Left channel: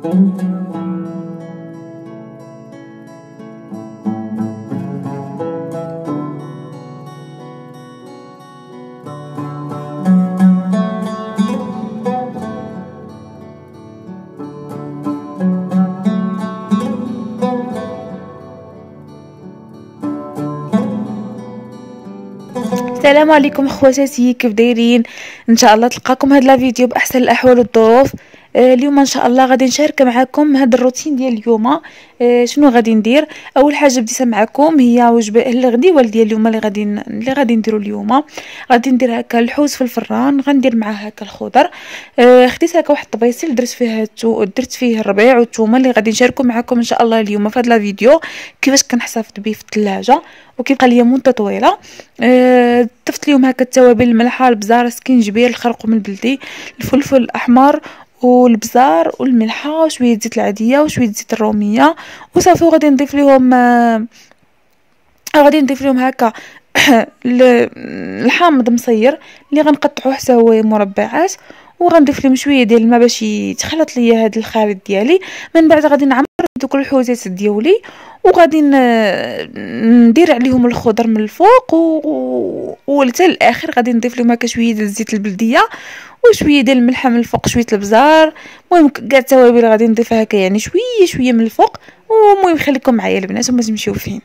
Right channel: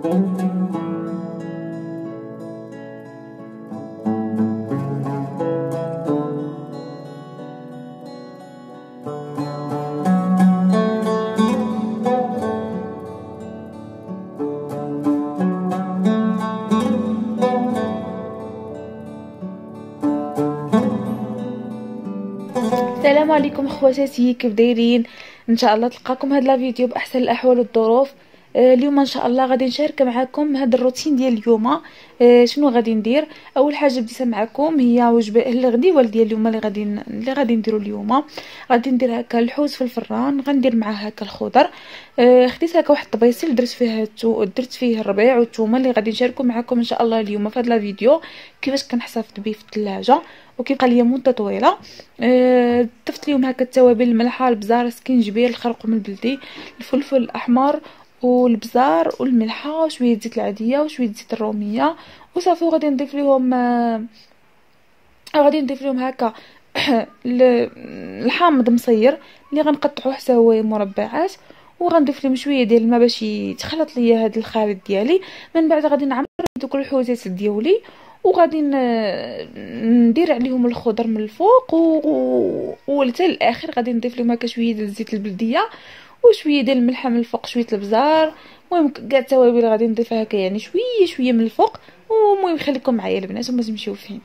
السلام عليكم خواتاتي، كيف دايرين؟ ان شاء الله تلقاكم هذا الفيديو باحسن الاحوال والظروف. اليوم ان شاء الله غادي نشارك معكم هذا الروتين ديال اليوم. شنو غادي ندير؟ اول حاجه بديت معكم هي وجبه الغديوه ديال اليوم اللي غادي نديرو اليوم. غادي ندير هكا الحوت في الفران، غندير معاه هكا الخضر. خديت هكا واحد الطبيسيل درت فيه الربيع والثومه اللي غادي نشاركو معكم ان شاء الله اليوم في هذا الفيديو كيفاش كنحتفظ به في الثلاجه وكيبقى ليا مده طويله. ضفت ليهم هكا التوابل: الملحه، البزار، السكينجبير، الخرقوم البلدي، الفلفل الاحمر والبزار والملحه وشويه زيت العاديه وشويه زيت الروميه وصافي. غادي نضيف لهم هكا الحامض مصير اللي غنقطعوه حتى هو مربعات، وغنضيف لهم شويه ديال الماء باش يتخلط ليا هذا الخليط ديالي. من بعد غادي نعمر دوك الحوتات ديالي وغادي ندير عليهم الخضر من الفوق وحتى الاخر غادي نضيف لهم هكا شويه ديال الزيت البلديه وشويه ديال الملحه من الفوق، شويه البزار، المهم كاع التوابل غادي نضيفها هكا يعني شويه من الفوق. ومهم خليكم معايا البنات وما تمشيو فين.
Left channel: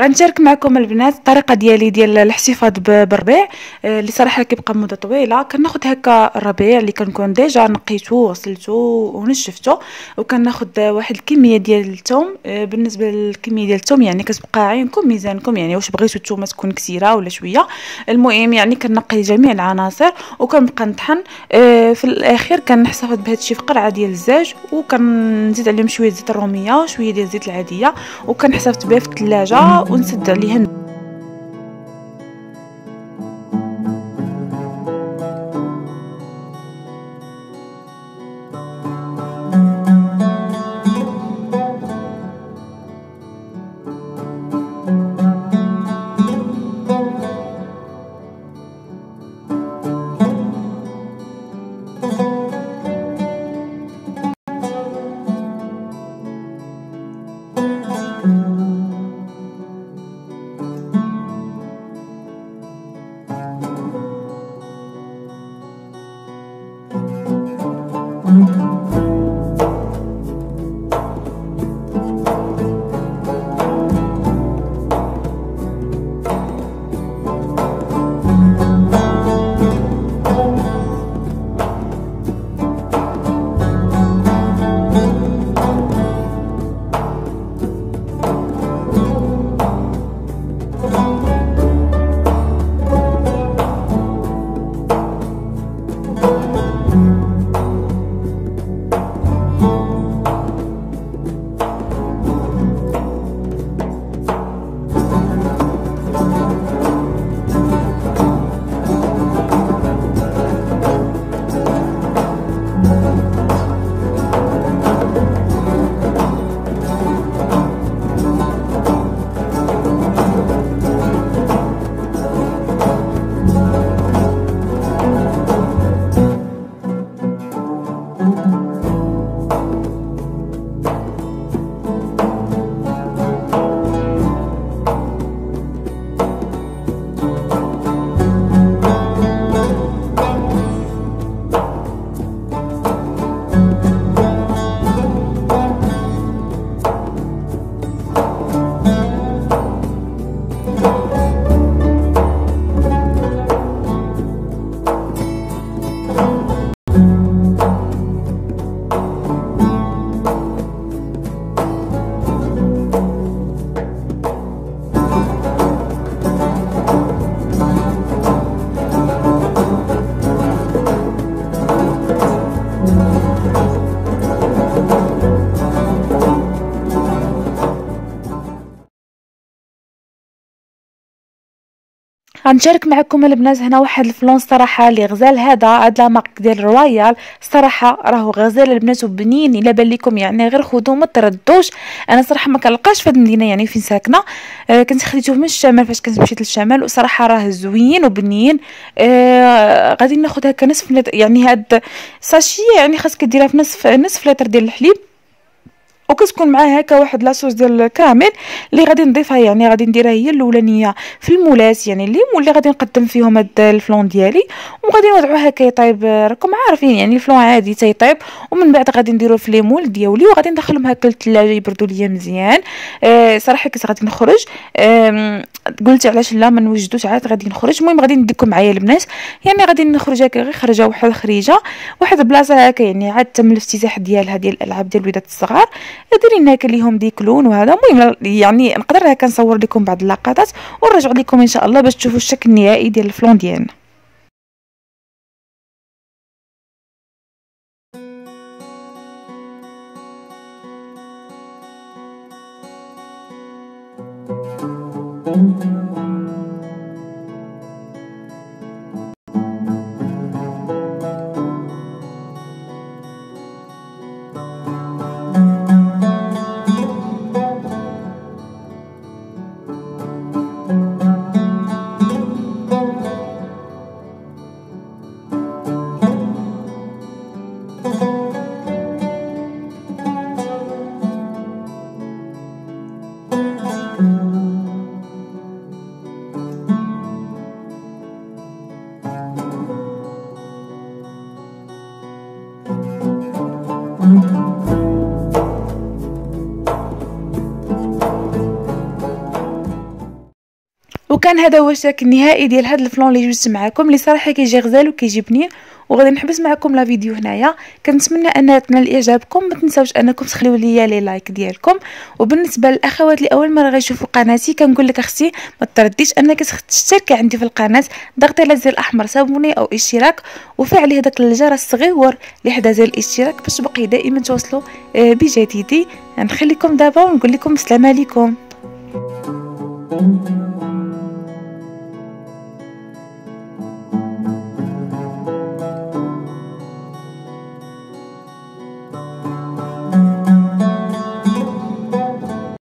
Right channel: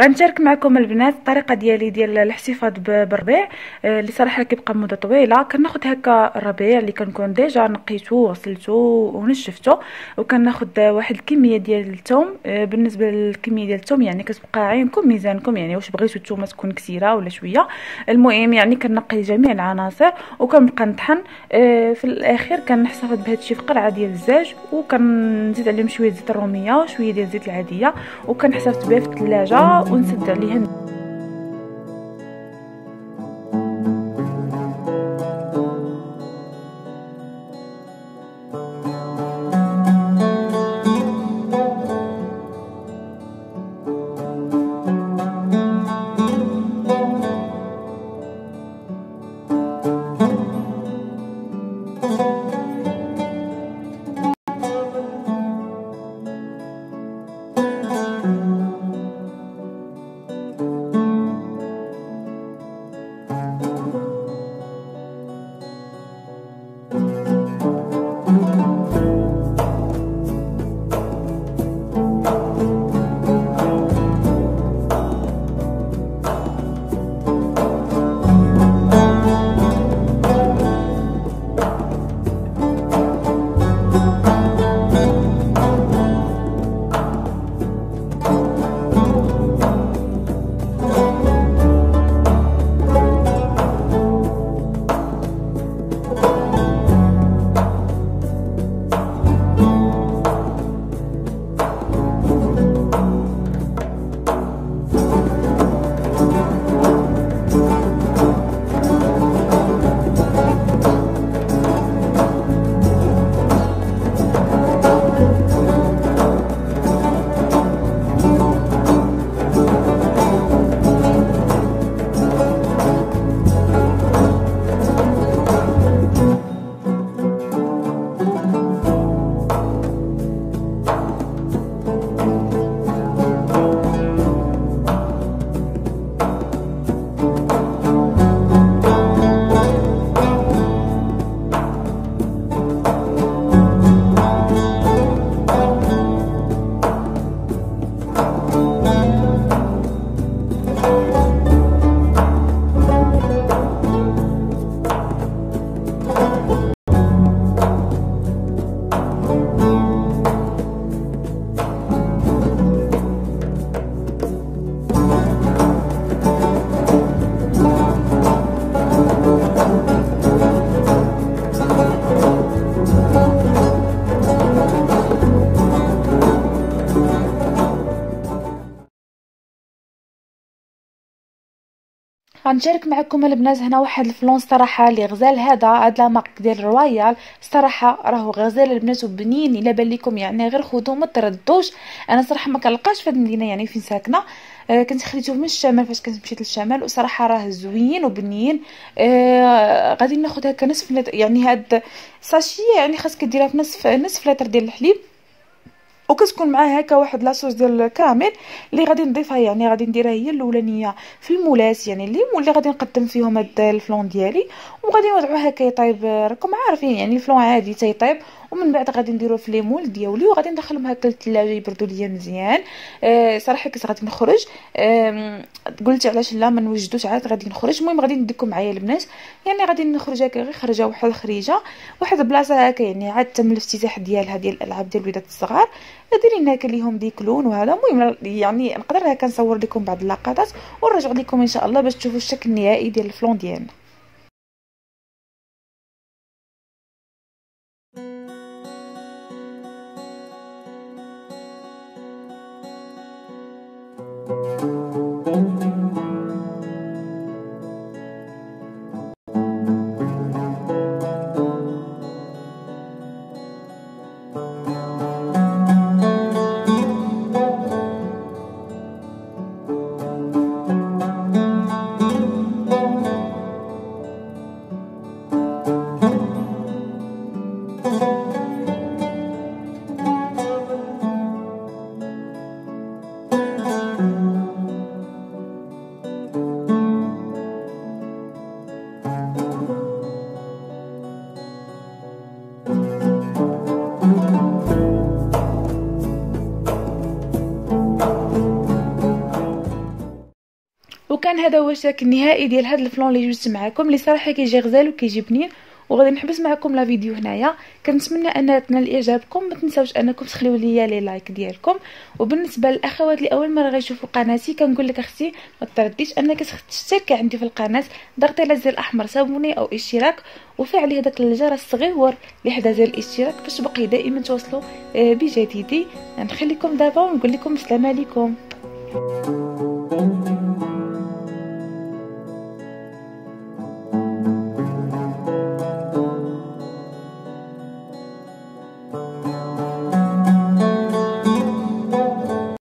غنشارك معكم البنات الطريقه ديالي ديال الاحتفاظ بالربيع، اللي صراحه كيبقى مده طويله. كناخذ هكا الربيع اللي كنكون ديجا نقيته وغسلته ونشفته، وكناخذ واحد الكميه ديال الثوم. بالنسبه للكميه ديال الثوم يعني كتبقى عينكم ميزانكم، يعني واش بغيتو الثومه تكون كثيره ولا شويه. المهم يعني كنقي جميع العناصر وكنبقى نطحن. في الاخير كنحتفظ بهذا الشيء في قرعه ديال الزاج، وكنزيد عليهم شويه زيت الروميه وشويه ديال الزيت العاديه، وكنحتفظ بها في الثلاجه ونسد عليها. غنشارك معكم البنات هنا واحد الفلون صراحه اللي غزال. هاد لا مارك ديال رويال صراحه راهو غزال البنات وبنين. الا بان لكم يعني غير خذوه ما تردوش. انا صراحه ما كنلقاش في هاد المدينه يعني فين ساكنه. كنت خديته من الشمال فاش كنت مشيت للشمال، وصراحه راه زوين وبنين. غادي ناخذ هكا نصف يعني هاد ساشي، يعني خاصك ديرها في نصف لتر ديال الحليب، وكتكون معاه هكا واحد لاصوص ديال الكراميل اللي غادي نضيفها. يعني غادي نديرها هي الاولانيه في المولات، يعني اللي غادي نقدم فيهم هاد الفلون ديالي، وغادي نوضعوه هكا يطيب. راكم عارفين يعني الفلون عادي تيطيب، ومن بعد غادي نديرو في لي مول ديالي وغادي ندخلهم هكا للثلاجه يبردوا ليا مزيان. صراحه كنت غادي نخرج، قلت علاش لا ما نوجدوش عاد غادي نخرج. المهم غادي نديكم معايا البنات، يعني غادي نخرج هكا غير خرجه واحد خريجه واحد البلاصه هكا، يعني عاد تم الافتتاح ديالها ديال الالعاب ديال الوليدات الصغار. ديري هكا ليهم ديكلون وهذا. المهم يعني نقدر هكا نصور لكم بعض اللقطات ونرجع لكم ان شاء الله باش تشوفوا الشكل النهائي ديال الفلون ديالنا. كان هذا هو الشكل النهائي ديال هذا الفلون اللي جبت معكم، اللي صراحه كيجي غزال وكيجي بنين. وغادي نحبس معكم لا فيديو هنايا. كنتمنى ان تنال اعجابكم، ما تنساوش انكم تخليو ليا لي لايك ديالكم. وبالنسبه للاخوات اللي اول مره غيشوفوا قناتي، كنقول لك اختي ما ترديش انك تشتركي عندي في القناه، ضغطي على الزر الاحمر سابوني او اشتراك، وفعلي هذاك الجرس الصغير اللي حدا زر الاشتراك باش تبقي دائما توصلوا بجديدي. نخليكم دابا ونقول لكم السلام عليكم.